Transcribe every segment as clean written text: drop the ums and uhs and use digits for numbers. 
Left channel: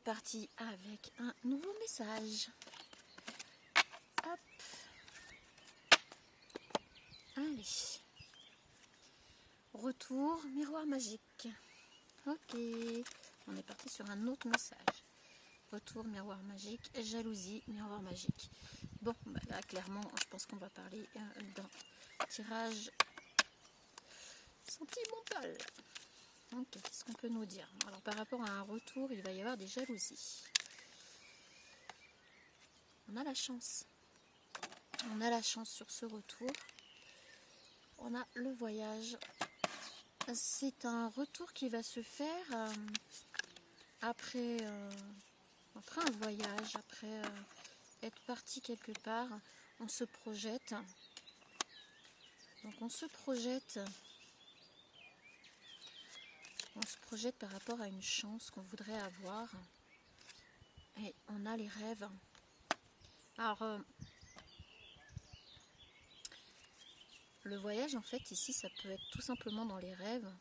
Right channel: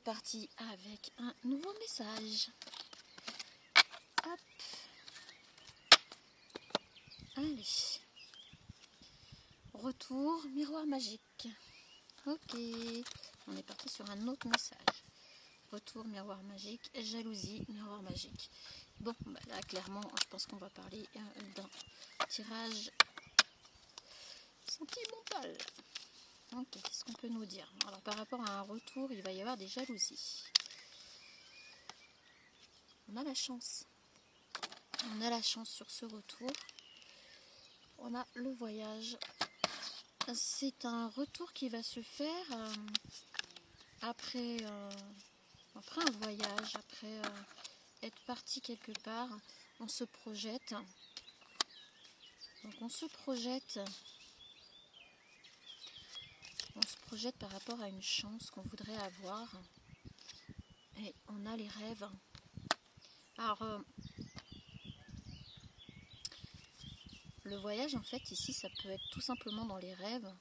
est parti avec un nouveau message. Hop. Allez. Retour, miroir magique. Ok. On est parti sur un autre message. Retour, miroir magique. Jalousie, miroir magique. Bon, bah là, clairement, je pense qu'on va parler d'un tirage sentimental. Ok, qu'est-ce qu'on peut nous dire? Alors, par rapport à un retour, il va y avoir des jalousies. On a la chance. On a la chance sur ce retour. On a le voyage. C'est un retour qui va se faire après un voyage, après être parti quelque part. On se projette. Donc on se projette par rapport à une chance qu'on voudrait avoir. Et on a les rêves. Alors, le voyage, en fait, ici, ça peut être tout simplement dans les rêves.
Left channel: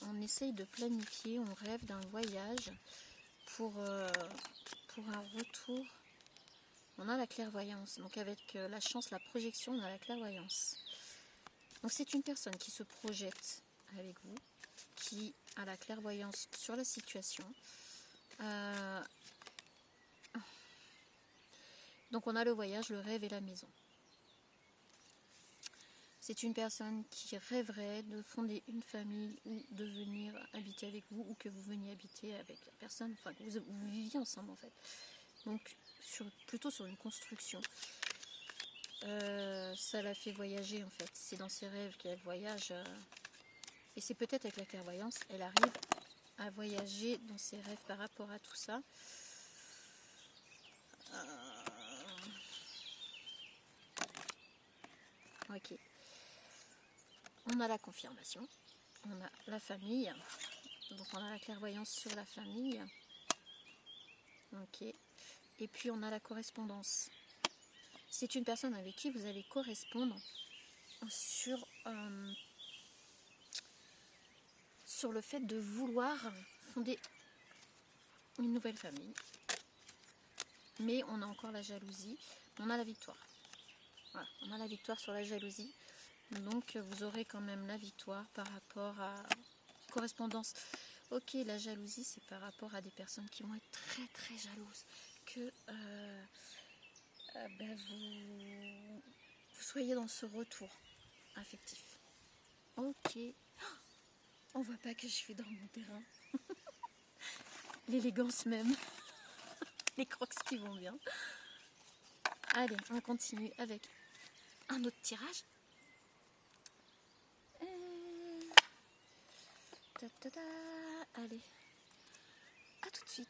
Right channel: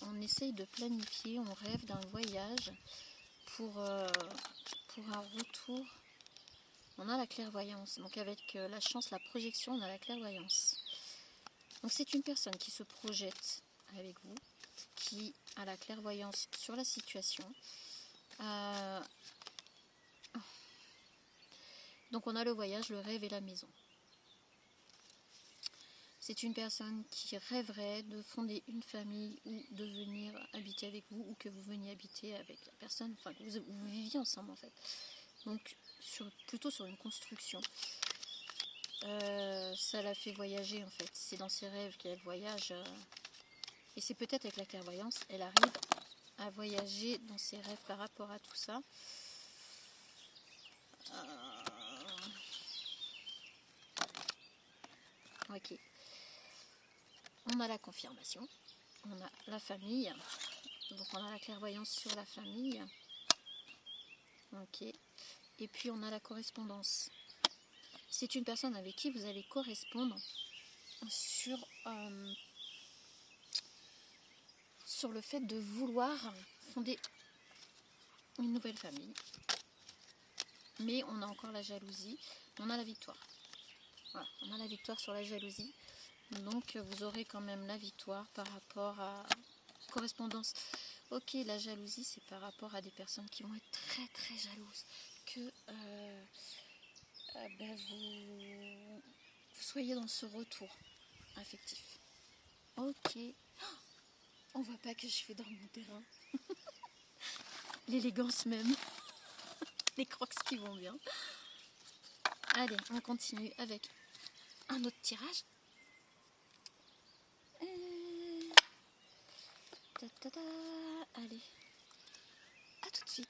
On essaye de planifier, on rêve d'un voyage pour un retour. On a la clairvoyance. Donc avec la chance, la projection, on a la clairvoyance. Donc c'est une personne qui se projette avec vous, qui a la clairvoyance sur la situation. Donc on a le voyage, le rêve et la maison. C'est une personne qui rêverait de fonder une famille ou de venir habiter avec vous, ou que vous veniez habiter avec la personne, enfin que vous viviez ensemble en fait. Donc plutôt sur une construction. Ça la fait voyager en fait. C'est dans ses rêves qu'elle voyage. Et c'est peut-être avec la clairvoyance, elle arrive à voyager dans ses rêves par rapport à tout ça. Ok. On a la confirmation. On a la famille. Donc on a la clairvoyance sur la famille. Ok. Et puis on a la correspondance. C'est une personne avec qui vous allez correspondre sur le fait de vouloir fonder une nouvelle famille. Mais on a encore la jalousie. On a la victoire. Voilà, on a la victoire sur la jalousie. Donc vous aurez quand même la victoire par rapport à correspondance. Ok, la jalousie, c'est par rapport à des personnes qui vont être très très jalouses. Que vous soyez dans ce retour affectif. Ok. On voit pas que je fais dans mon terrain. L'élégance même. Les crocs qui vont bien. Allez, on continue avec un autre tirage. Allez, à tout de suite.